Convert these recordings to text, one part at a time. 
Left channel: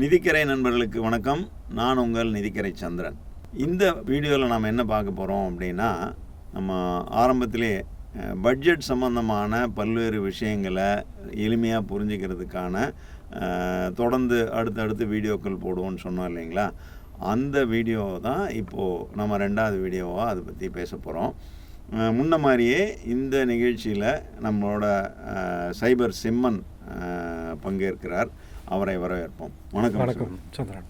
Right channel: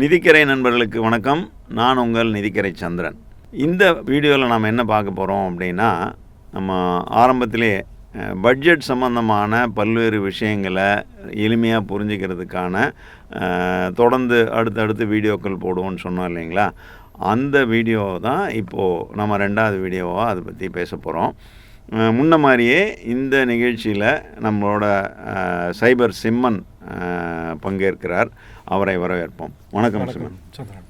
நிதிக்கரை நண்பர்களுக்கு வணக்கம். நான் உங்கள் நிதிக்கரை சந்திரன். இந்த வீடியோவில் நாம் என்ன பார்க்க போகிறோம் அப்படின்னா நம்ம ஆரம்பத்திலே பட்ஜெட் சம்பந்தமான பல்வேறு விஷயங்களை எளிமையாக புரிஞ்சுக்கிறதுக்கான தொடர்ந்து அடுத்தடுத்து வீடியோக்கள் போடுவோம்னு சொன்னோம் இல்லைங்களா? அந்த வீடியோ தான் இப்போது நம்ம ரெண்டாவது வீடியோவாக அதை பற்றி பேச போகிறோம் முன்ன மாதிரியே இந்த நிகழ்ச்சியில் நம்மளோட சைபர் சிம்மன் பங்கேற்கிறார். அவரை வரவேற்போம். வணக்கம் சந்திரன்.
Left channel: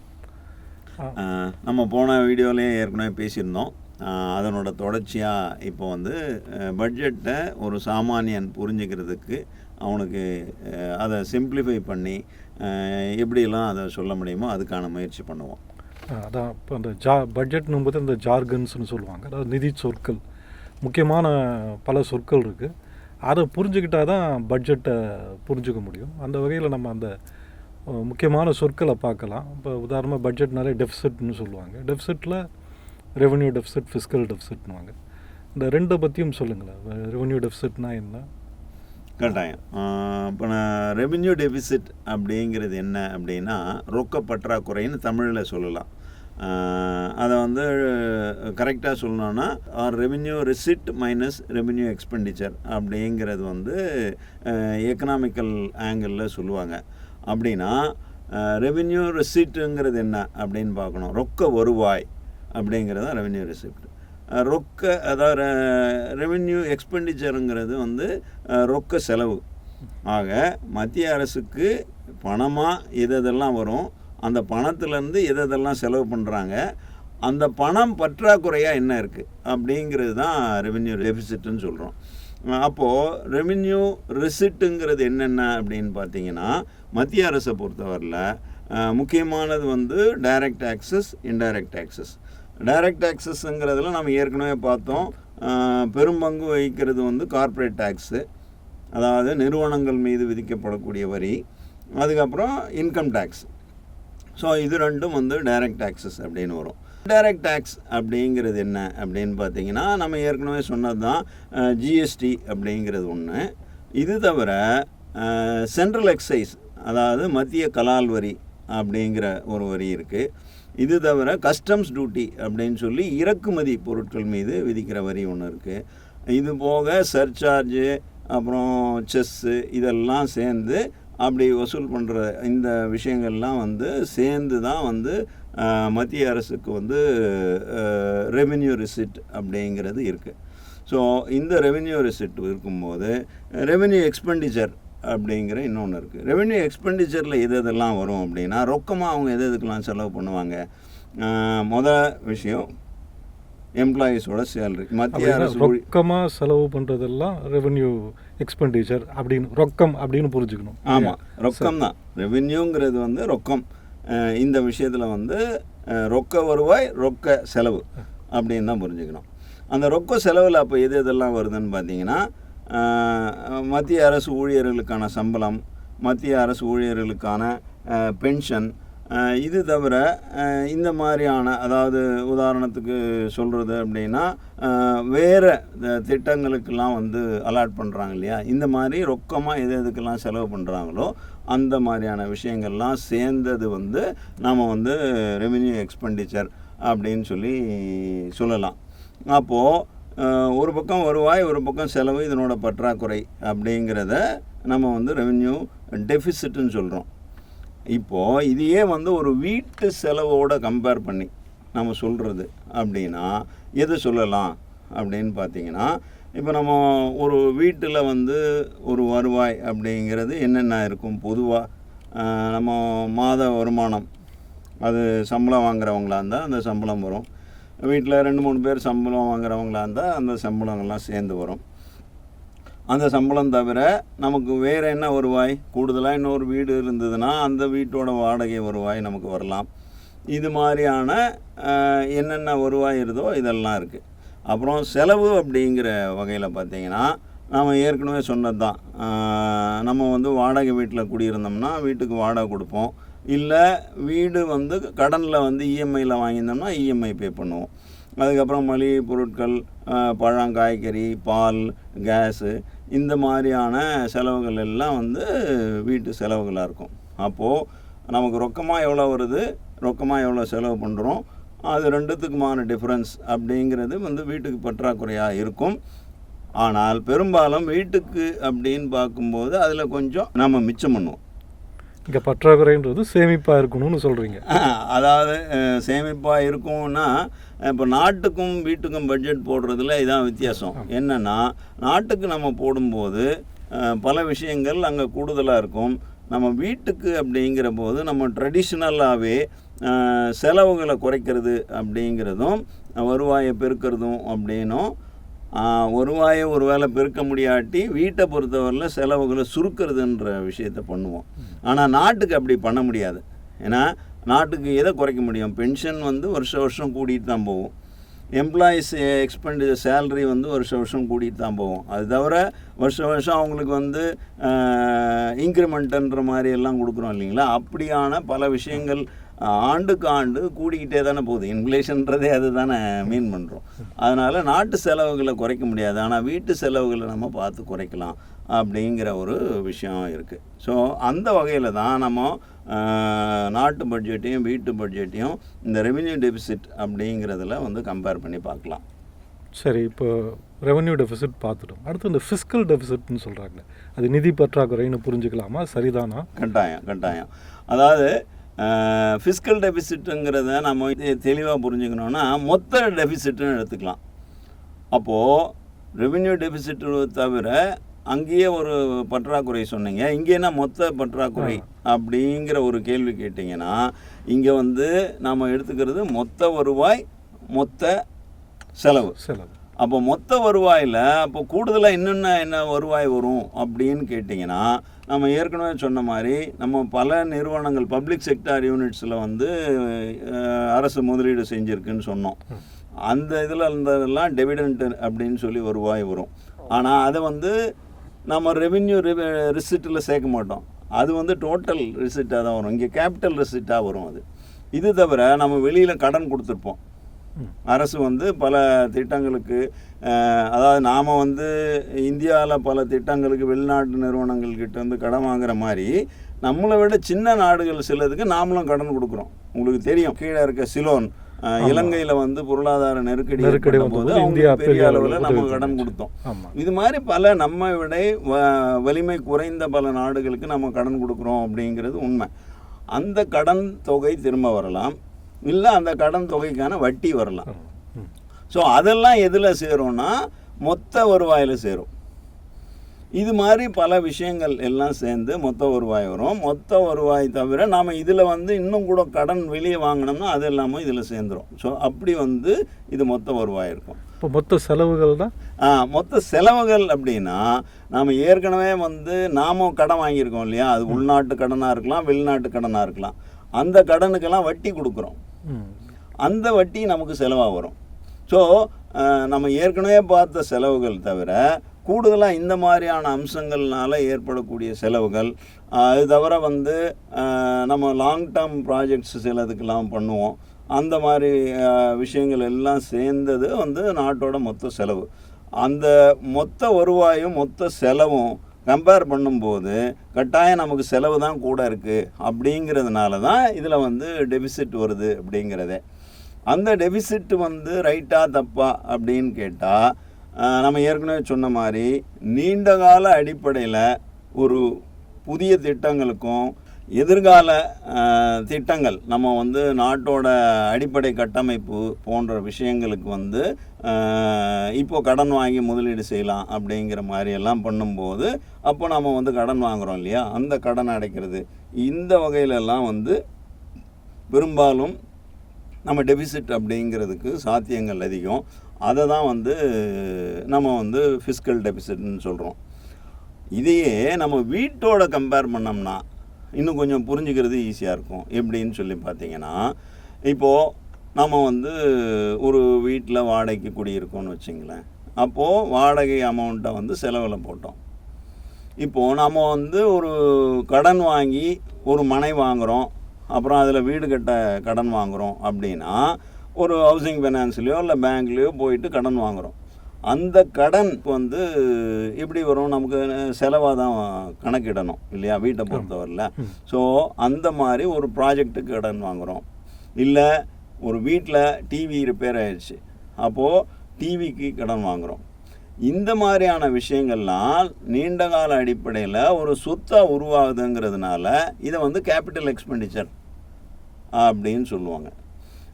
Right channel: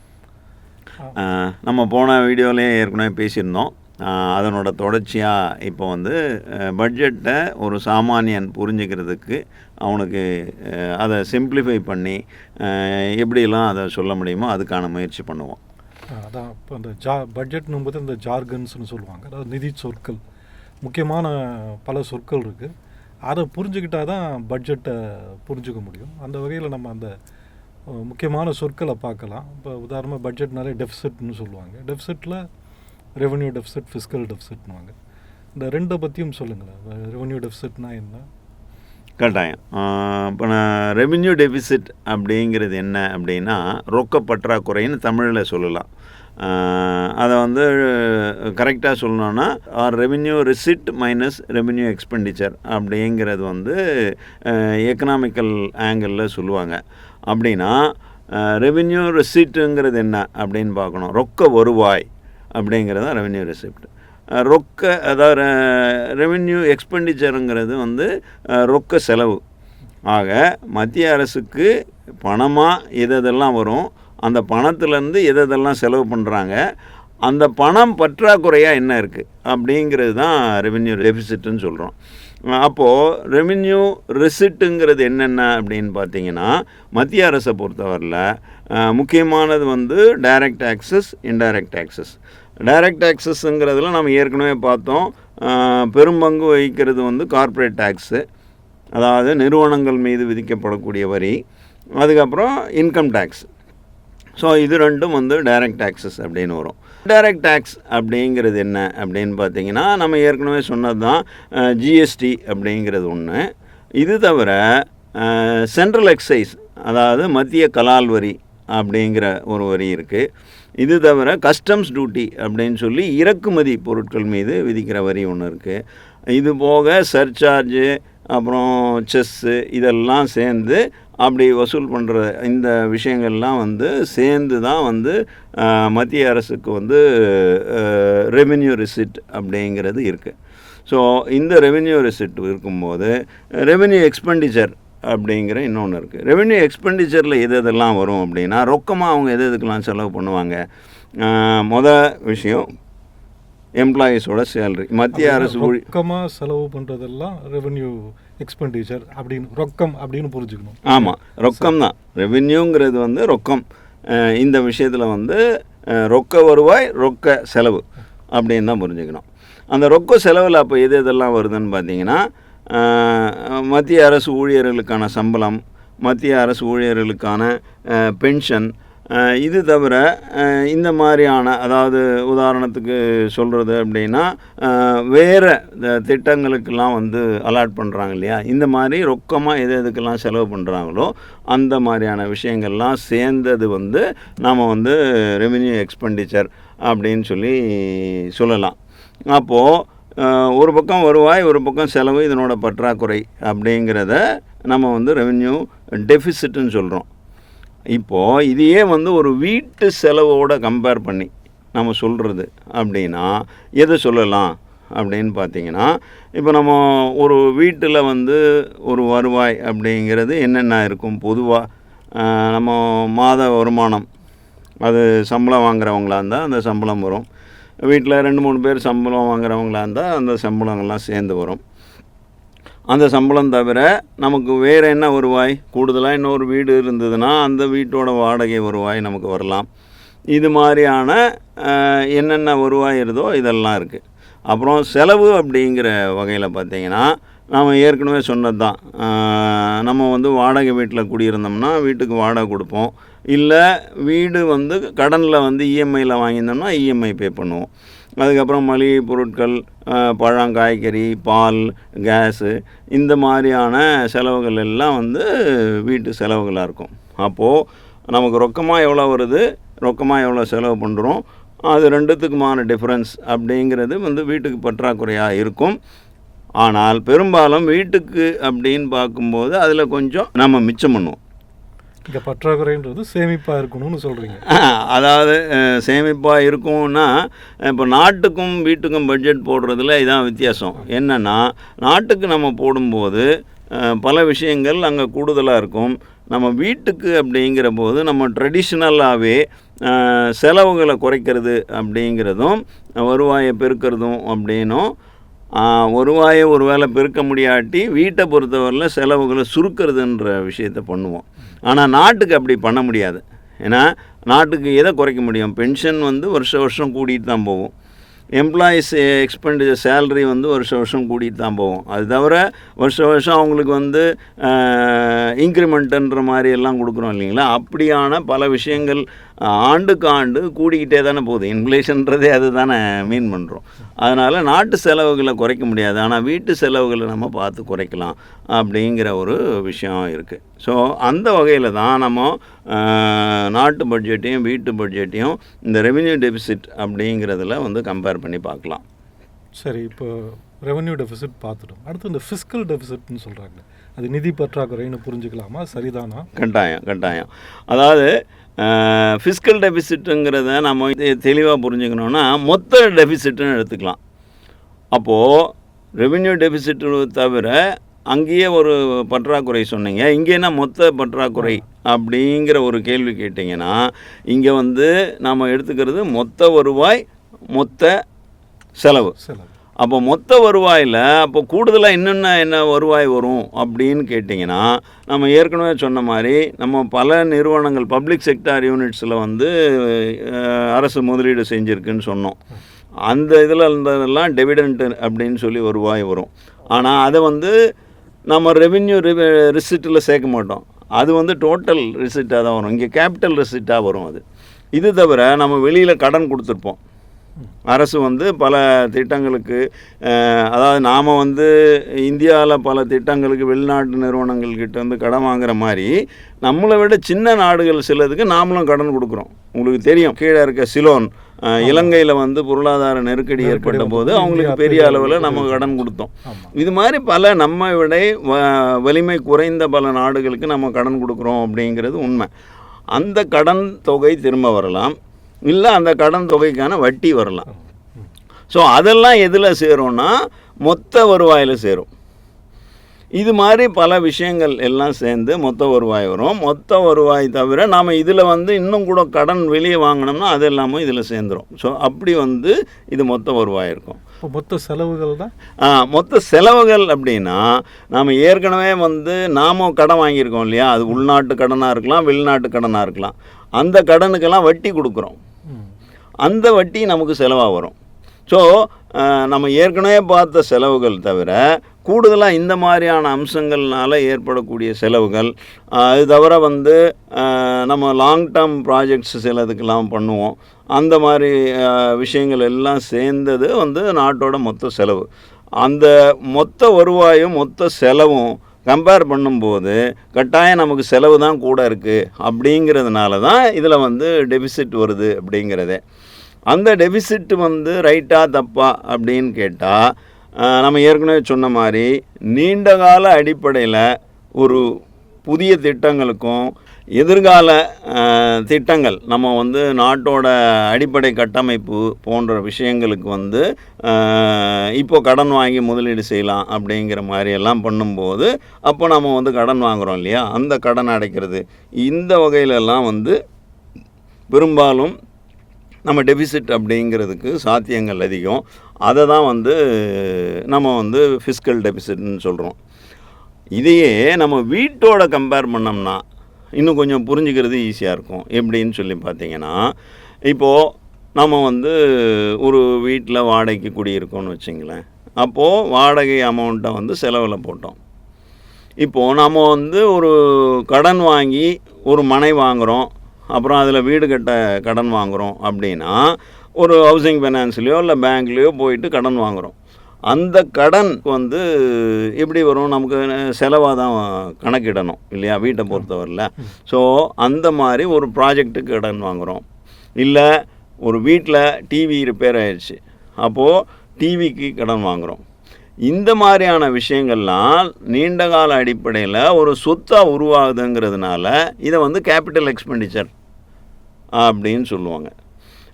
நம்ம போன வீடியோலேயே ஏற்கனவே பேசியிருந்தோம். அதனோட தொடர்ச்சியாக இப்போ வந்து பட்ஜெட்டை ஒரு சாமானியன் புரிஞ்சுக்கிறதுக்கு அவனுக்கு அதை சிம்பிளிஃபை பண்ணி அஹ், எப்படியெல்லாம் அதை சொல்ல முடியுமோ அதுக்கான முயற்சி பண்ணுவோம். அதான். இப்போ அந்த ஜா பட்ஜெட்னும் போது இந்த ஜார்கன்ஸ்னு சொல்லுவாங்க. அதாவது நிதி சொற்கள். முக்கியமான பல சொற்கள் இருக்குது அதை புரிஞ்சுக்கிட்டா தான் பட்ஜெட்டை புரிஞ்சுக்க முடியும். அந்த வகையில் நம்ம அந்த முக்கியமான சொற்களை பார்க்கலாம். இப்போ உதாரணமாக பட்ஜெட்னாலே டெஃபிசிட்னு சொல்லுவாங்க. டெஃபிசிட்டில் ரெவன்யூ டெஃபிசிட் ஃபிஸ்கல் டெஃபிசிட்னுவாங்க இந்த ரெண்டை பற்றியும் சொல்லுங்களேன். ரெவன்யூ டெஃபிசிட்னா என்ன? கட்டாயம். இப்போ நான் ரெவென்யூ டெபிசிட் அப்படிங்கிறது என்ன அப்படின்னா ரொக்க பற்றாக்குறைன்னு தமிழில் சொல்லலாம். அதை வந்து கரெக்டாக சொல்லணும்னா revenue receipt minus revenue expenditure அப்படிங்கிறது வந்து எக்கனாமிக்கல் ஆங்கிளில் சொல்லுவாங்க. அப்படின்னா ரெவென்யூ ரெசிப்ட்டுங்கிறது என்ன அப்படின்னு பார்க்கணும். ரொக்க வருவாய் அப்படிங்கிறது தான் ரெவென்யூ ரெசிப்ட் ரொக்க அதாவது ரெவென்யூ எக்ஸ்பெண்டிச்சருங்கிறது வந்து ரொக்க செலவு. ஆக மத்திய அரசுக்கு பணமாக எது எதெல்லாம் வரும்? அந்த பணத்துலேருந்து எது எதெல்லாம் செலவு பண்ணுறாங்க அந்த பணம் பற்றாக்குறையாக என்ன இருக்குது அப்படிங்கிறது தான் ரெவென்யூ டெபிசிட்டுன்னு சொல்கிறோம் அப்போது ரெவென்யூ ரிசிட்டுங்கிறது என்னென்ன அப்படின்னு பார்த்தீங்கன்னா மத்திய அரசை பொறுத்தவரையில் முக்கியமானது வந்து direct taxes indirect taxes direct டேக்ஸஸ்ங்கிறதுல நம்ம ஏற்கனவே பார்த்தோம் பெரும்பங்கு வகிக்கிறது வந்து கார்ப்பரேட் டேக்ஸு அதாவது நிறுவனங்கள் மீது விதிக்கப்படக்கூடிய வரி அதுக்கப்புறம் இன்கம் டேக்ஸ் ஸோ இது ரெண்டும் வந்து டைரக்ட் டேக்ஸஸ் அப்படின்னு வரும். டைரக்ட் டேக்ஸ் அப்படிங்கிறது என்ன அப்படின்னு பார்த்தீங்கன்னா நம்ம ஏற்கனவே சொன்னது தான் ஜிஎஸ்டி அப்படிங்கிறது ஒன்று இது தவிர சென்ட்ரல் எக்ஸைஸ் அதாவது மத்திய கலால் வரி அப்படிங்கிற ஒரு வரி இருக்குது இது தவிர கஸ்டம்ஸ் டியூட்டி அப்படின்னு சொல்லி இறக்குமதி பொருட்கள் மீது விதிக்கிற வரி ஒன்று இருக்குது இது போக சர்சார்ஜு அப்புறம் செஸ்ஸு இதெல்லாம் சேர்ந்து அப்படி வசூல் பண்ணுற இந்த விஷயங்கள்லாம் வந்து சேர்ந்து தான் வந்து மத்திய அரசுக்கு வந்து ரெவென்யூ ரிசிட் அப்படிங்கிறது இருக்குது ஸோ இந்த ரெவென்யூ ரிசிட் இருக்கும்போது ரெவென்யூ எக்ஸ்பெண்டிச்சர் அப்படிங்கிற இன்னொன்று இருக்குது ரெவென்யூ எக்ஸ்பெண்டிச்சரில் எது எதெல்லாம் வரும் அப்படின்னா ரொக்கமாக அவங்க எது எதுக்கெல்லாம் செலவு பண்ணுவாங்க? மொதல் விஷயம் எம்ப்ளாயீஸோட சேலரி மத்திய அரசு ரொக்கமாக செலவு பண்ணுறதெல்லாம் ரெவென்யூ எக்ஸ்பெண்டிச்சர் அப்படின்னு ரொக்கம் அப்படின்னு புரிஞ்சுக்கணும். ஆமாம் ரொக்கம் தான். ரெவென்யூங்கிறது வந்து ரொக்கம். இந்த விஷயத்தில் வந்து ரொக்க வருவாய் ரொக்க செலவு அப்படின்னு தான் புரிஞ்சுக்கணும். அந்த ரொக்க செலவில் அப்போ எது எதெல்லாம் வருதுன்னு பார்த்தீங்கன்னா மத்திய அரசு ஊழியர்களுக்கான சம்பளம் மத்திய அரசு ஊழியர்களுக்கான பென்ஷன் இது தவிர இந்த மாதிரியான அதாவது உதாரணத்துக்கு சொல்கிறது அப்படின்னா வேறு திட்டங்களுக்கெல்லாம் வந்து அலாட் பண்ணுறாங்க இல்லையா? இந்த மாதிரி ரொக்கமாக எது எதுக்கெல்லாம் செலவு பண்ணுறாங்களோ அந்த மாதிரியான விஷயங்கள்லாம் சேர்ந்தது வந்து நாம் வந்து ரெவென்யூ எக்ஸ்பெண்டிச்சர் அப்படின்னு சொல்லி சொல்லலாம். அப்போது ஒரு பக்கம் வருவாய் ஒரு பக்கம் செலவு இதனோட பற்றாக்குறை அப்படிங்கிறத நம்ம வந்து ரெவென்யூ டெஃபிசிட்னு சொல்கிறோம் இப்போது இதையே வந்து ஒரு வீட்டு செலவோட கம்பேர் பண்ணி நம்ம சொல்கிறது அப்படின்னா எதை சொல்லலாம் அப்படின்னு பார்த்தீங்கன்னா இப்போ நம்ம ஒரு வீட்டில் வந்து ஒரு வருவாய் அப்படிங்கிறது என்னென்ன இருக்கும்? பொதுவாக நம்ம மாத வருமானம். அது சம்பளம் வாங்குறவங்களா இருந்தால் அந்த சம்பளம் வரும். வீட்டில் ரெண்டு மூணு பேர் சம்பளம் வாங்குறவங்களா இருந்தால் அந்த சம்பளங்கள்லாம் சேர்ந்து வரும். அந்த சம்பளம் தவிர நமக்கு வேறு என்ன வருவாய்? கூடுதலாக இன்னொரு வீடு இருந்ததுன்னா அந்த வீட்டோட வாடகை வருவாய் நமக்கு வரலாம். இது மாதிரியான என்னென்ன வருவாய் இருதோ இதெல்லாம் இருக்குது அப்புறம் செலவு அப்படிங்கிற வகையில் பார்த்தீங்கன்னா நாம் ஏற்கனவே சொன்னது தான். நம்ம வந்து வாடகை வீட்டில் குடியிருந்தோம்னா வீட்டுக்கு வாடகை கொடுப்போம். இல்லை வீடு வந்து கடனில் வந்து இஎம்ஐயில் வாங்கியிருந்தோம்னா இஎம்ஐ பே பண்ணுவோம். அதுக்கப்புறம் மளிகை பொருட்கள் பழம் காய்கறி பால் கேஸு இந்த மாதிரியான செலவுகள் எல்லாம் வந்து வீட்டு செலவுகளாக இருக்கும். அப்போது நமக்கு ரொக்கமாக எவ்வளோ வருது ரொக்கமாக எவ்வளோ செலவு பண்ணுறோம் அது ரெண்டுத்துக்குமான டிஃப்ரென்ஸ் அப்படிங்கிறது வந்து வீட்டுக்கு பற்றாக்குறையாக இருக்கும். ஆனால் பெரும்பாலும் வீட்டுக்கு அப்படின்னு பார்க்கும்போது அதில் கொஞ்சம் நம்ம மிச்சம் பண்ணுவோம். இங்கே பற்றாக்குறைன்றது சேமிப்பாக இருக்கணும்னு சொல்கிறீங்க அதாவது சேமிப்பாக இருக்கும்னா இப்போ நாட்டுக்கும் வீட்டுக்கும் பட்ஜெட் போடுறதுல இதான் வித்தியாசம். என்னென்னா நாட்டுக்கு நம்ம போடும்போது பல விஷயங்கள் அங்கே கூடுதலாக இருக்கும். நம்ம வீட்டுக்கு அப்படிங்கிற போது நம்ம ட்ரெடிஷ்னலாகவே செலவுகளை குறைக்கிறது அப்படிங்கிறதும் வருவாயை பெருக்கிறதும் அப்படின்னும் வருவாயை ஒரு வேளை பெருக்க முடியாட்டி வீட்டை பொறுத்தவரையில் செலவுகளை சுருக்கிறதுன்ற விஷயத்த பண்ணுவோம். ஆனால் நாட்டுக்கு அப்படி பண்ண முடியாது. ஏன்னா நாட்டுக்கு எதை குறைக்க முடியும்? பென்ஷன் வந்து வருஷம் வருஷம் கூட்டிகிட்டு தான் போகும். எம்ப்ளாயீஸ் எக்ஸ்பெண்டிச்சர் சேலரி வந்து வருஷம் வருஷம் கூட்டிகிட்டு தான் போகும். அது தவிர வருஷம் வருஷம் அவங்களுக்கு வந்து இன்க்ரிமெண்ட்டுன்ற மாதிரி எல்லாம் கொடுக்குறோம் இல்லைங்களா? அப்படியான பல விஷயங்கள் ஆண்டுக்கு ஆண்டு கூடிக்கிட்டே தானே போகுது. இன்ஃப்ளேஷன்றதே அது தானே மீன் பண்ணுறோம் அதனால் நாட்டு செலவுகளை குறைக்க முடியாது. ஆனால் வீட்டு செலவுகளை நம்ம பார்த்து குறைக்கலாம் அப்படிங்கிற ஒரு விஷயம் இருக்குது ஸோ அந்த வகையில் தான் நம்ம நாட்டு பட்ஜெட்டையும் வீட்டு பட்ஜெட்டையும் இந்த ரெவென்யூ டெபிசிட் அப்படிங்கிறதுல வந்து கம்பேர் பண்ணி பார்க்கலாம். சரி இப்போ ரெவென்யூ டெபிசிட் பார்த்துட்டோம். அடுத்து இந்த ஃபிஸ்கல் டெபிசிட்னு சொல்கிறாங்க அது நிதி பற்றாக்குறைன்னு புரிஞ்சுக்கலாமா? சரிதானா? கட்டாயம் கட்டாயம். அதாவது ஃபிஸ்கல் டெபிசிட்டுங்கிறத நம்ம தெளிவாக புரிஞ்சுக்கணுன்னா மொத்த டெபிசிட்டுன்னு எடுத்துக்கலாம். அப்போது ரெவென்யூ டெபிசிட்டு தவிர அங்கேயே ஒரு பற்றாக்குறை சொன்னீங்க. இங்கே என்ன மொத்த பற்றாக்குறை அப்படிங்கிற ஒரு கேள்வி கேட்டிங்கன்னா இங்கே வந்து நாம் எடுத்துக்கிறது மொத்த வருவாய் மொத்த செலவு. செலவு. அப்போ மொத்த வருவாயில் அப்போ கூடுதலாக என்னென்ன என்ன வருவாய் வரும் அப்படின்னு கேட்டிங்கன்னா நம்ம ஏற்கனவே சொன்ன மாதிரி நம்ம பல நிறுவனங்கள் பப்ளிக் செக்டார் யூனிட்ஸில் வந்து அரசு முதலீடு செஞ்சுருக்குன்னு சொன்னோம். அந்த இதில் இருந்ததெல்லாம் டெவிடெண்ட் அப்படின்னு சொல்லி வருவாய் வரும். ஆனால் அதை வந்து நம்ம ரெவென்யூ ரிசிட்டில் சேர்க்க மாட்டோம். அது வந்து டோட்டல் ரிசிட்டாக தான் வரும். இங்கே கேபிட்டல் ரிசிட்டாக வரும் அது. இது தவிர நம்ம வெளியில் கடன் கொடுத்துருப்போம். அரசு வந்து பல திட்டங்களுக்கு அதாவது நாம் வந்து இந்தியாவில் பல திட்டங்களுக்கு வெளிநாட்டு நிறுவனங்கள்கிட்ட வந்து கடன் வாங்குற மாதிரி நம்மளை விட சின்ன நாடுகள் சிலதுக்கு நாமளும் கடன் கொடுக்குறோம். உங்களுக்கு தெரியும். கீழே இருக்க சிலோன் இலங்கையில் வந்து பொருளாதார நெருக்கடி ஏற்பட்ட போது அவங்களுக்கு பெரிய அளவில் நம்ம கடன் கொடுத்தோம். இது மாதிரி பல நம்ம விட வ- வலிமை குறைந்த பல நாடுகளுக்கு நம்ம கடன் கொடுக்குறோம் அப்படிங்கிறது உண்மை. அந்த கடன் தொகை திரும்ப வரலாம். இல்லை அந்த கடன் தொகைக்கான வட்டி வரலாம். ஸோ அதெல்லாம் எதில் சேரும்னா மொத்த வருவாயில் சேரும். இது மாதிரி பல விஷயங்கள் எல்லாம் சேர்ந்து மொத்த வருவாய் வரும். மொத்த வருவாய் தவிர நாம் இதில் வந்து இன்னும் கூட கடன் வெளியே வாங்கினோம்னா அது எல்லாமே இதில் சேர்ந்துரும். ஸோ அப்படி வந்து இது மொத்த வருவாய் இருக்கும். இப்போ மொத்த செலவுகள் தான்? ஆ, மொத்த செலவுகள் அப்படின்னா நாம் ஏற்கனவே வந்து நாமும் கடன் வாங்கியிருக்கோம் இல்லையா? அது உள்நாட்டு கடனாக இருக்கலாம் வெளிநாட்டு கடனாக இருக்கலாம். அந்த கடனுக்கெல்லாம் வட்டி கொடுக்குறோம். அந்த வட்டி நமக்கு செலவாக வரும். ஸோ நம்ம ஏற்கனவே பார்த்த செலவுகள் தவிர கூடுதலாக இந்த மாதிரியான அம்சங்கள்னால ஏற்படக்கூடிய செலவுகள் அது தவிர வந்து நம்ம லாங் டேர்ம் ப்ராஜெக்ட்ஸ் சிலதுக்கெல்லாம் பண்ணுவோம். அந்த மாதிரி விஷயங்கள் எல்லாம் சேர்ந்தது வந்து நாட்டோட மொத்த செலவு. அந்த மொத்த வருவாயும் மொத்த செலவும் கம்பேர் பண்ணும்போது கட்டாயம் நமக்கு செலவு தான் கூட இருக்குது அப்படிங்கிறதுனால தான் இதில் வந்து டெபிசிட் வருது அப்படிங்கிறதே. அந்த டெபிசிட் வந்து ரைட்டாக தப்பா அப்படின்னு கேட்டால் நம்ம ஏற்கனவே சொன்ன மாதிரி நீண்ட கால அடிப்படையில் ஒரு புதிய திட்டங்களுக்கும் எதிர்கால திட்டங்கள் நம்ம வந்து நாட்டோட அடிப்படை கட்டமைப்பு போன்ற விஷயங்களுக்கு வந்து இப்போ கடன் வாங்கி முதலீடு செய்யலாம் அப்படிங்கிற மாதிரி எல்லாம் பண்ணும்போது அப்போ நம்ம வந்து கடன் வாங்குறோம் இல்லையா? அந்த கடன் அடைக்கிறது. இந்த வகையிலெல்லாம் வந்து பெரும்பாலும் நம்ம டெபிசிட் அப்படிங்கிறதுக்கு சாத்தியங்கள் அதிகம். அதை தான் வந்து நம்ம வந்து ஃபிஸ்கல் டெபிசிட்னு சொல்கிறோம் இதையே நம்ம வீட்டோட கம்பேர் பண்ணோம்னா இன்னும் கொஞ்சம் புரிஞ்சுக்கிறது ஈஸியாக இருக்கும். எப்படின்னு சொல்லி பார்த்தீங்கன்னா இப்போது நம்ம வந்து ஒரு வீட்டில் வாடகைக்கு குடியிருக்கோம்னு வச்சுங்களேன். அப்போது வாடகை அமௌண்ட்டை வந்து செலவில் போட்டோம். இப்போது நம்ம வந்து ஒரு கடன் வாங்கி ஒரு மனை வாங்குகிறோம் அப்புறம் அதில் வீடு கட்ட கடன் வாங்குகிறோம் அப்படின்னா ஒரு ஹவுசிங் ஃபைனான்ஸ்லேயோ இல்லை பேங்க்லேயோ போயிட்டு கடன் வாங்குகிறோம் அந்த கடன் வந்து எப்படி வரும்? நமக்கு செலவாக தான் கணக்கிடணும் இல்லையா? வீட்டை பொறுத்தவரையில். ஸோ அந்த மாதிரி ஒரு ப்ராஜெக்ட்டுக்கு கடன் வாங்குகிறோம் இல்லை ஒரு வீட்டில் டிவி ரிப்பேர் ஆயிடுச்சு அப்போது டிவிக்கு கடன் வாங்குகிறோம் இந்த மாதிரியான விஷயங்கள்லாம் நீண்ட கால அடிப்படையில் ஒரு சொத்தாக உருவாகுதுங்கிறதுனால இதை வந்து கேபிட்டல் எக்ஸ்பெண்டிச்சர் அப்படின்னு சொல்லுவாங்க.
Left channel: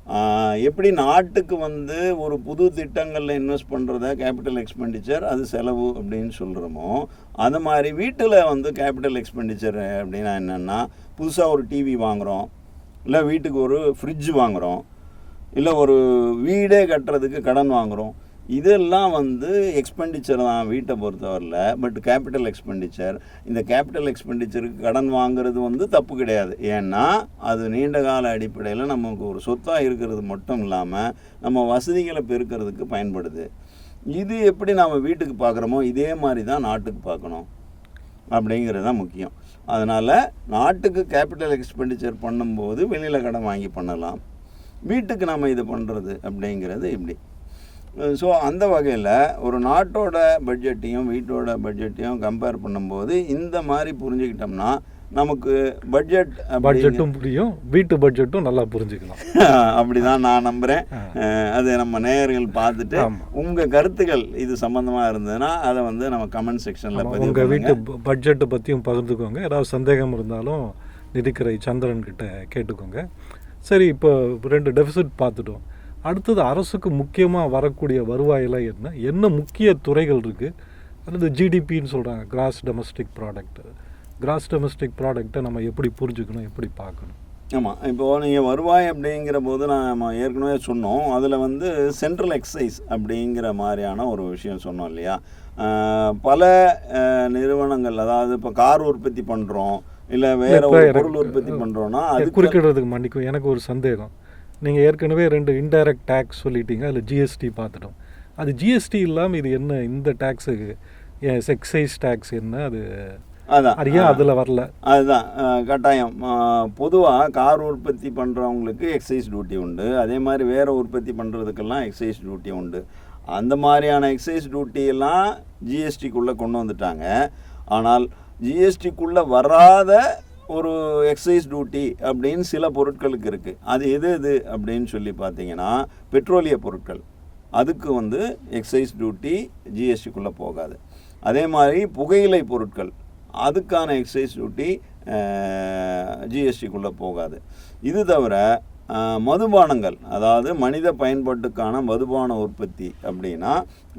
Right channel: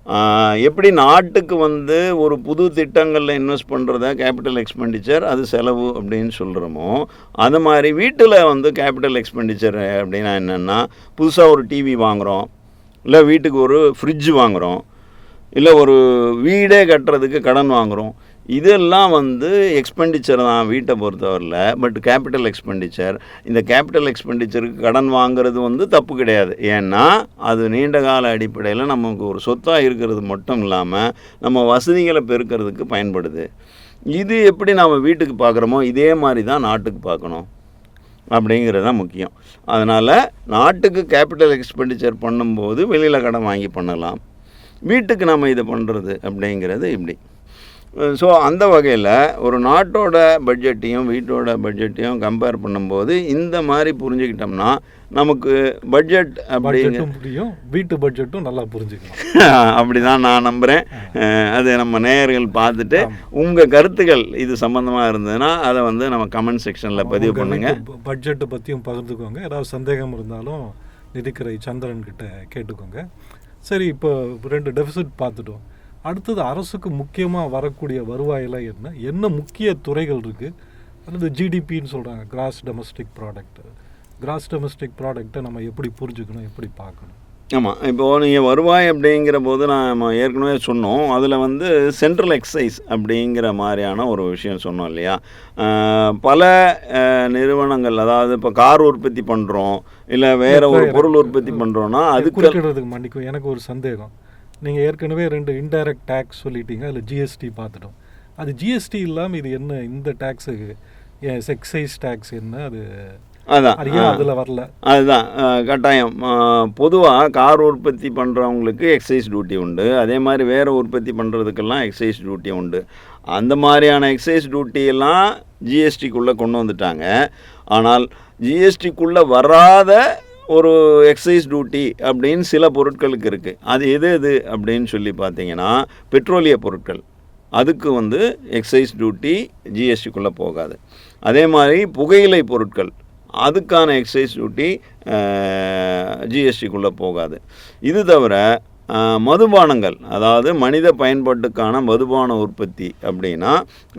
எப்படி நாட்டுக்கு வந்து ஒரு புது திட்டங்களில் இன்வெஸ்ட் பண்ணுறத கேபிட்டல் எக்ஸ்பெண்டிச்சர் அது செலவு அப்படின்னு சொல்கிறோமோ அது மாதிரி வீட்டில் வந்து கேபிட்டல் எக்ஸ்பெண்டிச்சர் அப்படின்னா என்னென்னா புதுசாக ஒரு டிவி வாங்குகிறோம் இல்லை வீட்டுக்கு ஒரு ஃப்ரிட்ஜ் வாங்குகிறோம் இல்லை ஒரு வீடே கட்டுறதுக்கு கடன் வாங்குகிறோம் இதெல்லாம் வந்து எக்ஸ்பெண்டிச்சர் தான் வீட்டை பொறுத்தவரையில் பட் கேபிட்டல் எக்ஸ்பெண்டிச்சர் இந்த கேபிட்டல் எக்ஸ்பெண்டிச்சருக்கு கடன் வாங்குறது வந்து தப்பு கிடையாது. ஏன்னா அது நீண்ட கால அடிப்படையில் நமக்கு ஒரு சொத்தாக இருக்கிறது மட்டும் இல்லாமல் நம்ம வசதிகளை பெருக்கிறதுக்கு பயன்படுது. இது எப்படி நாம் வீட்டுக்கு பார்க்குறோமோ இதே மாதிரி தான் நாட்டுக்கு பார்க்கணும். அப்படிங்கிறது தான் முக்கியம். அதனால் நாட்டுக்கு கேபிட்டல் எக்ஸ்பெண்டிச்சர் பண்ணும்போது வெளியில் கடன் வாங்கி பண்ணலாம். வீட்டுக்கு நம்ம இதை பண்ணுறது அப்படிங்கிறது இப்படி. ஸோ அந்த வகையில் ஒரு நாட்டோட பட்ஜெட்டையும் வீட்டோட பட்ஜெட்டையும் கம்பேர் பண்ணும்போது இந்த மாதிரி புரிஞ்சுக்கிட்டோம்னா நமக்கு பட்ஜெட் பட்ஜெட்டும் புரியும் வீட்டு பட்ஜெட்டும் நல்லா புரிஞ்சுக்கலாம். அப்படி தான் நான் நம்புகிறேன் அது நம்ம நேயர்கள் பார்த்துட்டு. உங்கள் கருத்துக்கள் இது சம்மந்தமாக இருந்ததுன்னா அதை வந்து நம்ம கமெண்ட் செக்ஷனில் பதிவு பண்ணுங்க. பட்ஜெட்டை பற்றியும் பகிர்ந்துக்கோங்க. ஏதாவது சந்தேகம் இருந்தாலும் நிதிக்கரை சந்திரன் கிட்ட கேட்டுக்கோங்க. சரி இப்போ ரெண்டு டெபிசிட் பார்த்துட்டோம். அடுத்தது அரசுக்கு முக்கியமாக வரக்கூடிய வருவாயெல்லாம் என்ன? என்ன முக்கிய துறைகள் இருக்குது அல்லது ஜிடிபின்னு சொல்கிறாங்க gross domestic product gross domestic ப்ராடக்ட்டை நம்ம எப்படி புரிஞ்சுக்கணும் எப்படி பார்க்கணும்? ஆமாம் இப்போது நீங்கள் வருவாய் அப்படிங்கிற போது நம்ம ஏற்கனவே சொன்னோம். அதில் வந்து சென்ட்ரல் எக்ஸைஸ் அப்படிங்கிற மாதிரியான ஒரு விஷயம் சொன்னோம் இல்லையா? பல நிறுவனங்கள் அதாவது இப்போ கார் உற்பத்தி பண்ணுறோம் இல்லை வேற ஒரு பொருள் உற்பத்தி பண்ணுறோன்னா அதுக்கு குறுக்கிடுறதுக்கு மன்னிக்கும் எனக்கு ஒரு சந்தேகம். நீங்கள் ஏற்கனவே ரெண்டு இன்டைரக்ட் டேக்ஸ் சொல்லிட்டீங்க அதில் ஜிஎஸ்டி பார்த்துட்டோம். அது ஜிஎஸ்டி இல்லாமல் இது என்ன? இந்த டேக்ஸுக்கு எக்ஸைஸ் டேக்ஸ் என்ன? அது அதான். அது ஏன் அதில் வரல? அதுதான். கட்டாயம். பொதுவாக கார் உற்பத்தி பண்ணுறவங்களுக்கு எக்ஸைஸ் டியூட்டி உண்டு. அதே மாதிரி வேறு உற்பத்தி பண்ணுறதுக்கெல்லாம் எக்ஸைஸ் டியூட்டி உண்டு. அந்த மாதிரியான எக்ஸைஸ் டியூட்டியெல்லாம் ஜிஎஸ்டிக்குள்ளே கொண்டு வந்துட்டாங்க. ஆனால் ஜிஎஸ்டிக்குள்ளே வராத ஒரு எக்ஸைஸ் டியூட்டி அப்படின்னு சில பொருட்களுக்கு இருக்குது அது எது எது அப்படின்னு சொல்லி பார்த்தீங்கன்னா பெட்ரோலிய பொருட்கள். அதுக்கு வந்து எக்ஸைஸ் டியூட்டி ஜிஎஸ்டிக்குள்ளே போகாது. அதே மாதிரி புகையிலை பொருட்கள். அதுக்கான எக்ஸைஸ் டியூட்டி ஜிஎஸ்டிக்குள்ளே போகாது. இது தவிர மதுபானங்கள் அதாவது மனித பயன்பாட்டுக்கான மதுபான உற்பத்தி அப்படின்னா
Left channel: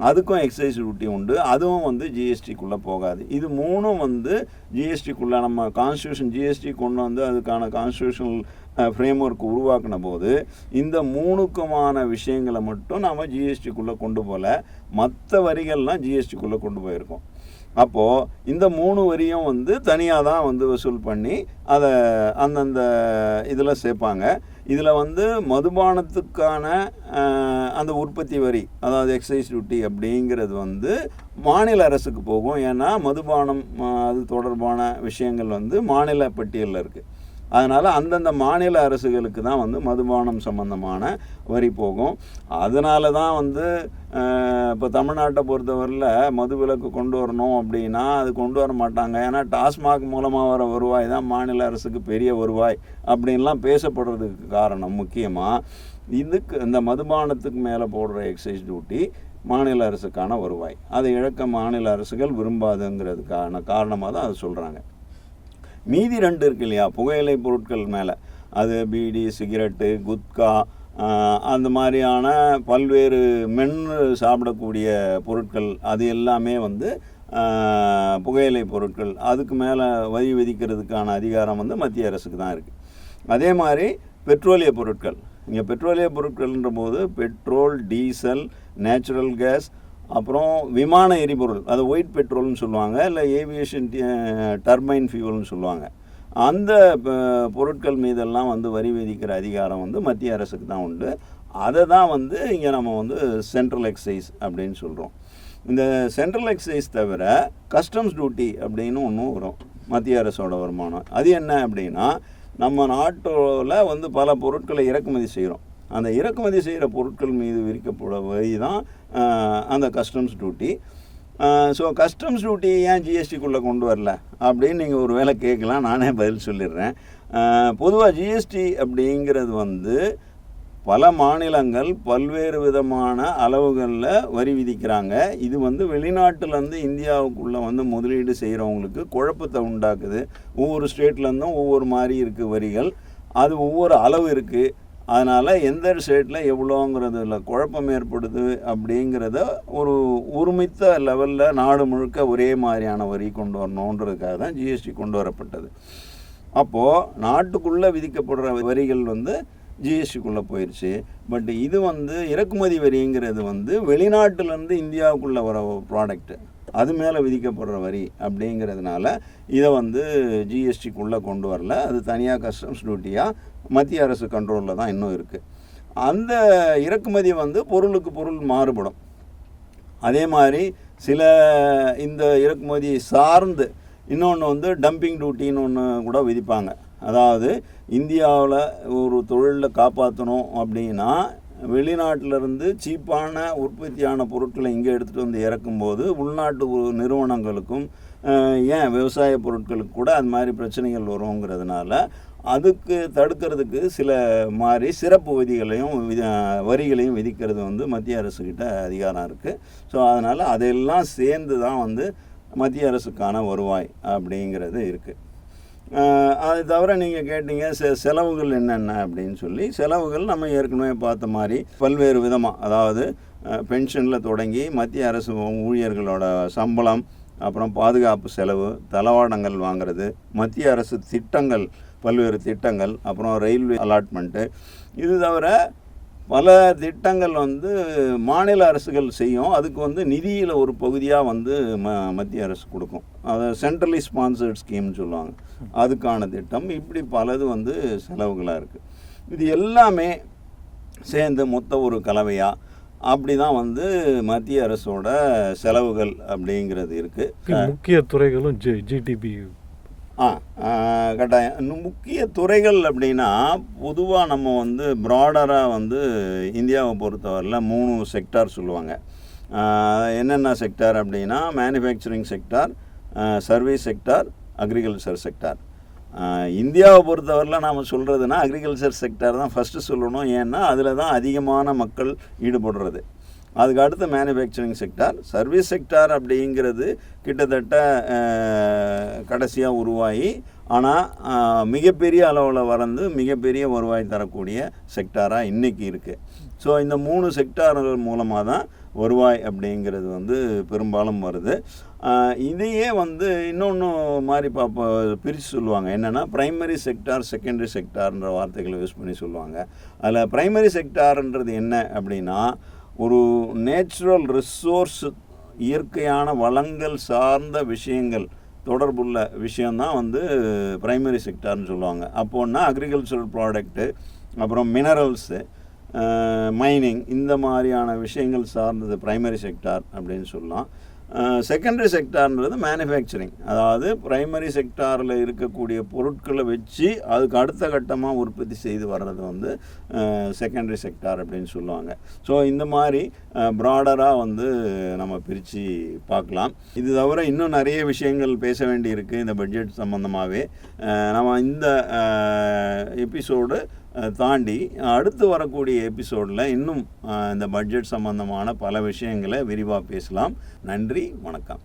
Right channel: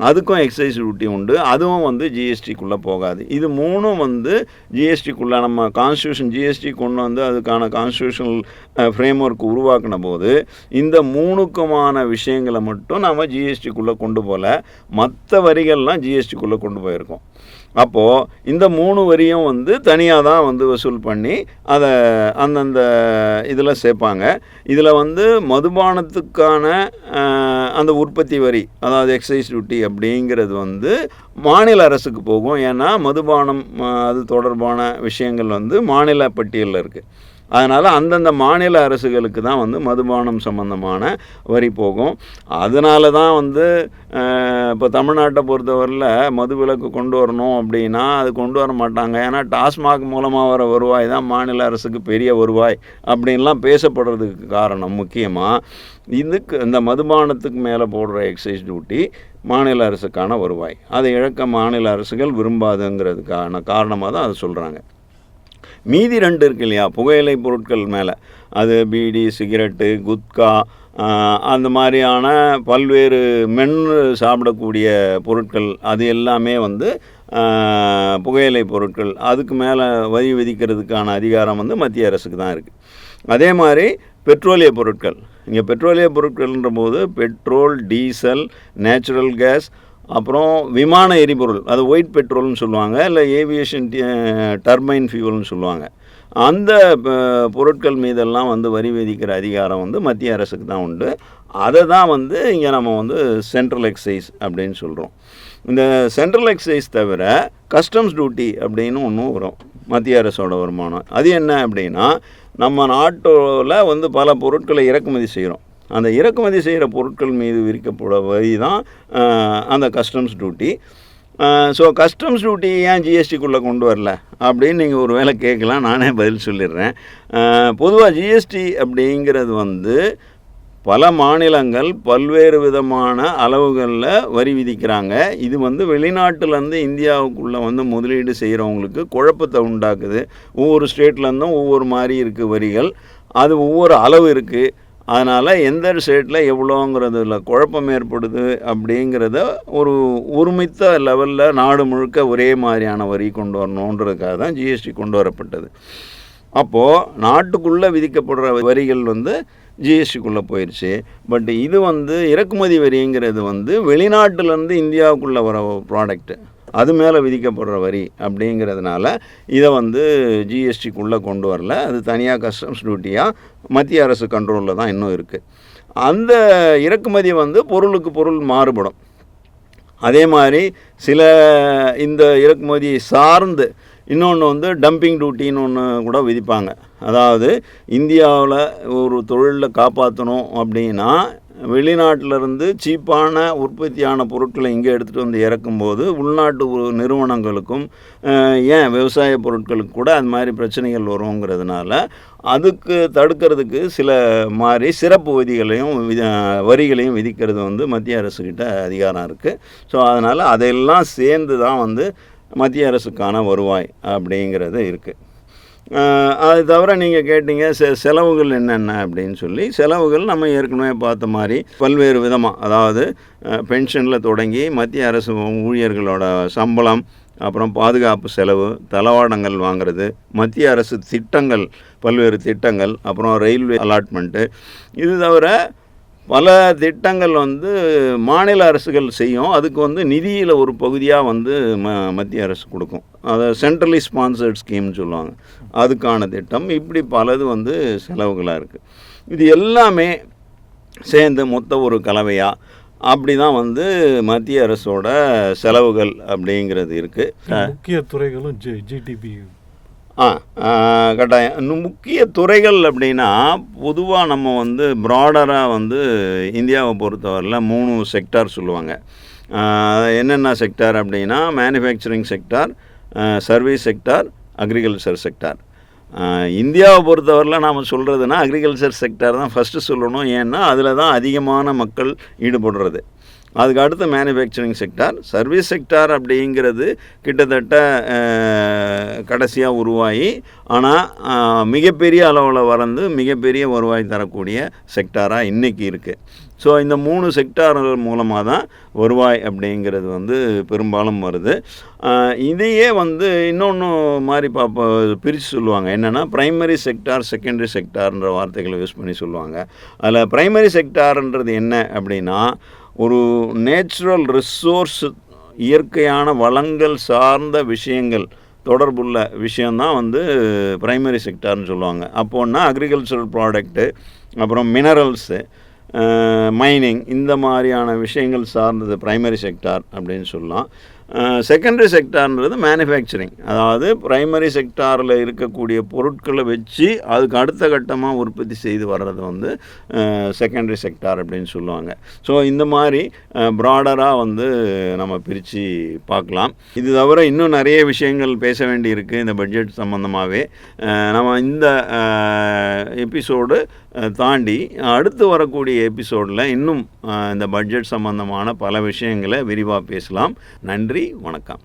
அதுக்கும் எக்ஸைஸ் டியூட்டி உண்டு. அதுவும் வந்து ஜிஎஸ்டிக்குள்ளே போகாது. இது மூணும் வந்து ஜிஎஸ்டிக்குள்ளே நம்ம கான்ஸ்டியூஷன் ஜிஎஸ்டி கொண்டு வந்து அதுக்கான கான்ஸ்டியூஷனல் ஃப்ரேம் ஒர்க் உருவாக்கின போது இந்த மூணுக்குமான விஷயங்களை மட்டும் நம்ம ஜிஎஸ்டிக்குள்ளே கொண்டு போகல மற்ற வரிகள்லாம் ஜிஎஸ்டிக்குள்ளே கொண்டு போயிருக்கோம். அப்போது இந்த மூணு வரியும் வந்து தனியாக தான் வந்து வசூல் பண்ணி அதை அந்தந்த இதில் சேர்ப்பாங்க. இதில் வந்து மதுபானத்துக்கான அந்த உற்பத்தி வரி அதாவது எக்ஸைஸ் டியூட்டி அப்படிங்கிறது வந்து மாநில அரசுக்கு போகும். ஏன்னா மதுபானம் அது தொடர்பான விஷயங்கள் வந்து மாநில பட்டியலில் இருக்குது அதனால் அந்தந்த மாநில அரசுகளுக்கு தான் வந்து மதுபானம் சம்பந்தமான வரி போகும். அதனால தான் வந்து இப்போ தமிழ்நாட்டை பொறுத்தவரையில் மது விலக்கு கொண்டு வரணும் அப்படின்னா அது கொண்டு வர மாட்டாங்க. ஏன்னா டாஸ்மாக் மூலமாக வர வருவாய் தான் மாநில அரசுக்கு பெரிய வருவாய் அப்படின்லாம் பேசப்படுறதுக்கு காரணம் முக்கியமாக இதுக்கு இந்த மதுபானத்துக்கு மேலே போடுற எக்ஸைஸ் டியூட்டி மாநில அரசுக்கான வருவாய். அதை இழக்க மாநில அரசுகள் விரும்பாதுங்கிறதுக்கான காரணமாக தான் அதை சொல்கிறாங்க மீதி ரெண்டு இருக்கு இல்லையா? புகையிலை பொருட்கள் மேலே. அது பீடி சிகரெட்டு குத்கா அந்த மாதிரியான பல்வேறு மென்று சாப்பிடக்கூடிய பொருட்கள் அது எல்லாமே வந்து புகையிலை பொருட்கள். அதுக்கு மேலே வரி விதிக்கிறதுக்கான அதிகாரம் வந்து மத்திய அரசுக்கு தான் இருக்குது அதே மாதிரி பெட்ரோலிய பொருட்கள். இங்கே பெட்ரோலிய பொருட்கள்ன்ற போது பெட்ரோல் டீசல் நேச்சுரல் கேஸ் அப்புறம் விமான எரிபொருள் அது ஒயிட் பெட்ரோல்னு சொல்லுவாங்க இல்லை ஏவியேஷன் டர்பைன் ஃபியூவல்னு சொல்லுவாங்க. அந்த ப- பொருட்கள் மீதெல்லாம் வந்து வரி விதிக்கிற அதிகாரம் வந்து மத்திய அரசுக்கு தான் உண்டு. அதை தான் வந்து இங்கே நம்ம வந்து சென்ட்ரல் எக்ஸைஸ் அப்படின்னு சொல்கிறோம் இந்த சென்ட்ரல் எக்ஸைஸ் தவிர கஸ்டம்ஸ் டியூட்டி அப்படின்னு ஒன்றும் வரும் மத்திய அரசோட வருமானம். அது என்ன அப்படின்னா நம்ம நாட்டில் வந்து பல பொருட்களை இறக்குமதி செய்கிறோம் அந்த இறக்குமதி செய்கிற பொருட்கள் மீது விதிக்கப்பட வரி தான் அந்த customs duty so customs duty ஏன் ஜிஎஸ்டிக்குள்ளே கொண்டு வரல? அப்படின்னு நீங்கள் ஒரு வேளை கேட்கலாம் நானே பதில் சொல்லிடுறேன். பொதுவாக ஜிஎஸ்டி அப்படிங்கிறது வந்து பல மாநிலங்கள் பல்வேறு விதமான அளவுகளில் வரி விதிக்கிறாங்க. இது வந்து வெளிநாட்டிலேருந்து இந்தியாவுக்குள்ளே வந்து முதலீடு செய்கிறவங்களுக்கு குழப்பத்தை உண்டாக்குது. ஒவ்வொரு ஸ்டேட்லேருந்தும் ஒவ்வொரு மாதிரி இருக்குது வரிகள். அது ஒவ்வொரு அளவு இருக்குது அதனால் எந்த ஸ்டேட்டில் எவ்வளோங்கிறதுல குழப்பம் ஏற்படுது அப்படிங்கிறத ஒரு ஒருமித்த லெவலில் நாடு முழுக்க ஒரே மாதிரியான வரி கொண்டு வரணுன்றதுக்காக தான் ஜிஎஸ்டி கொண்டு வரப்பட்டது. அப்போது நாட்டுக்குள்ளே விதிக்கப்படுற வரிகள் வந்து ஜிஎஸ்டிக்குள்ளே போயிடுச்சு பட் இது வந்து இறக்குமதி வரிங்கிறது வந்து வெளிநாட்டிலேருந்து இந்தியாவுக்குள்ளே வர ப்ராடக்ட்டு அது மேலே விதிக்கப்படுற வரி அப்படிங்கிறதுனால இதை வந்து ஜிஎஸ்டிக்குள்ளே கொண்டு வரல. அது தனியாக கஸ்டம்ஸ் டியூட்டியாக மத்திய அரசு கண்ட்ரோலில் தான் இன்னும் இருக்குது அந்த இறக்குமதி வந்து பொருளுக்கு பொருள் மாறுபடும். அதே மாதிரி சில இந்த இறக்குமதி சார்ந்து இன்னொன்று வந்து டம்பிங் டியூட்டின்னு ஒன்று கூட விதிப்பாங்க. அதாவது இந்தியாவில் ஒரு தொழிலில் காப்பாற்றணும் அப்படின்னா வெளிநாட்டிலிருந்து சீப்பான உற்பத்தியான பொருட்களை இங்கே எடுத்துகிட்டு வந்து இறக்கும்போது உள்நாட்டு நிறுவனங்களுக்கும் ஏன் விவசாய பொருட்களுக்கு கூட அந்த மாதிரி பிரச்சனைகள் வருங்கிறதுனால அதுக்கு தடுக்கிறதுக்கு சில மாதிரி சிறப்பு விதிகளையும் வரிகளையும் விதிக்கிறது வந்து மத்திய அரசுக்கிட்ட அதிகாரம் இருக்குது ஸோ அதனால் அதையெல்லாம் சேர்ந்து தான் வந்து மத்திய அரசுக்கான வருவாய் அப்படிங்கிறது இருக்குது அது தவிர நீங்கள் கேட்டீங்க செ செலவுகள் என்னென்ன அப்படின்னு சொல்லி செலவுகள் நம்ம ஏற்கனவே பார்த்த மாதிரி பல்வேறு விதமாக அதாவது பென்ஷனில் தொடங்கி மத்திய அரசு ஊழியர்களோட சம்பளம் அப்புறம் பாதுகாப்பு செலவு தளவாடங்கள் வாங்குறது மத்திய அரசு திட்டங்கள் பல்வேறு திட்டங்கள் அப்புறம் ரயில்வே அலாட்மெண்ட்டு இது தவிர பல திட்டங்கள் வந்து மாநில அரசுகள் செய்யும். அதுக்கு வந்து நிதியில் ஒரு பகுதியாக வந்து ம மத்திய அரசு கொடுக்கும். அதை சென்ட்ரலி ஸ்பான்சர்ட் ஸ்கீம்னு சொல்லுவாங்க. அதுக்கான திட்டம். இப்படி பலது வந்து செலவுகளாக இருக்குது இது எல்லாமே சேர்ந்து மொத்த ஒரு கலவையாக அப்படி தான் வந்து மத்திய அரசோட செலவுகள் அப்படிங்கிறது இருக்குது முக்கிய துறைகளும் ஜி ஜிடிபி ஆ கட்டாயம். இன்னும் முக்கிய துறைகள் அப்படின்னா பொதுவாக நம்ம வந்து ப்ராடராக வந்து இந்தியாவை பொறுத்தவரையில் மூணு செக்டார் சொல்லுவாங்க. என்னென்ன செக்டார் அப்படின்னா manufacturing sector service sector agriculture sector இந்தியாவை பொறுத்தவரையில் நாம் சொல்கிறதுனா அக்ரிகல்ச்சர் செக்டார் தான் ஃபஸ்ட்டு சொல்லணும். ஏன்னா அதில் தான் அதிகமான மக்கள் ஈடுபடுறது. அதுக்கு அடுத்து மேனுஃபேக்சரிங் செக்டார் சர்வீஸ் செக்டார் அப்படிங்கிறது கிட்டத்தட்ட கடைசியாக உருவாகி ஆனால் மிகப்பெரிய அளவில் வளர்ந்து மிகப்பெரிய வருவாய் தரக்கூடிய செக்டாராக இன்றைக்கி இருக்குது ஸோ இந்த மூணு செக்டார்கள் மூலமாக தான் வருவாய் அப்படிங்கிறது வந்து பெரும்பாலும் வருது. இதையே வந்து இன்னொன்று மாதிரி பார்ப்ப பிரித்து சொல்லுவாங்க. என்னென்னா ப்ரைமரி செக்டார் செகண்டரி செக்டார்ன்ற வார்த்தைகளை யூஸ் பண்ணி சொல்லுவாங்க. அதில் ப்ரைமரி செக்டார்ன்றது என்ன அப்படின்னா ஒரு நேச்சுரல் ரிசோர்ஸ் இயற்கையான வளங்கள் சார்ந்த விஷயங்கள் தொடர்புள்ள விஷயந்தான் வந்து ப்ரைமரி செக்டார்னு சொல்லுவாங்க. அப்போன்னா அக்ரிகல்ச்சரல் ப்ராடக்ட்டு அப்புறம் மினரல்ஸு மைனிங் இந்த மாதிரியான விஷயங்கள் சார்ந்தது ப்ரைமரி செக்டார் அப்படின்னு சொல்லலாம். செகண்டரி செக்டார்ன்றது மேனுஃபேக்சரிங் அதாவது ப்ரைமரி செக்டாரில் இருக்கக்கூடிய பொருட்களை வச்சு அதுக்கு அடுத்த கட்டமாக உற்பத்தி செய்து வர்றது வந்து செகண்டரி செக்டார் அப்படின்னு சொல்லுவாங்க. ஸோ இந்த மாதிரி ப்ராடராக வந்து நம்ம பிரித்து பார்க்கலாம். இது தவிர இன்னும் நிறைய விஷயங்கள் பேச வேண்டியிருக்கு இந்த பட்ஜெட் சம்மந்தமாகவே நம்ம இந்த எபிசோடு தாண்டி அடுத்து வரக்கூடிய எபிசோடில் இன்னும் இந்த பட்ஜெட் சம்பந்தமான பல விஷயங்களை விரிவாக பேசலாம். நன்றி வணக்கம்.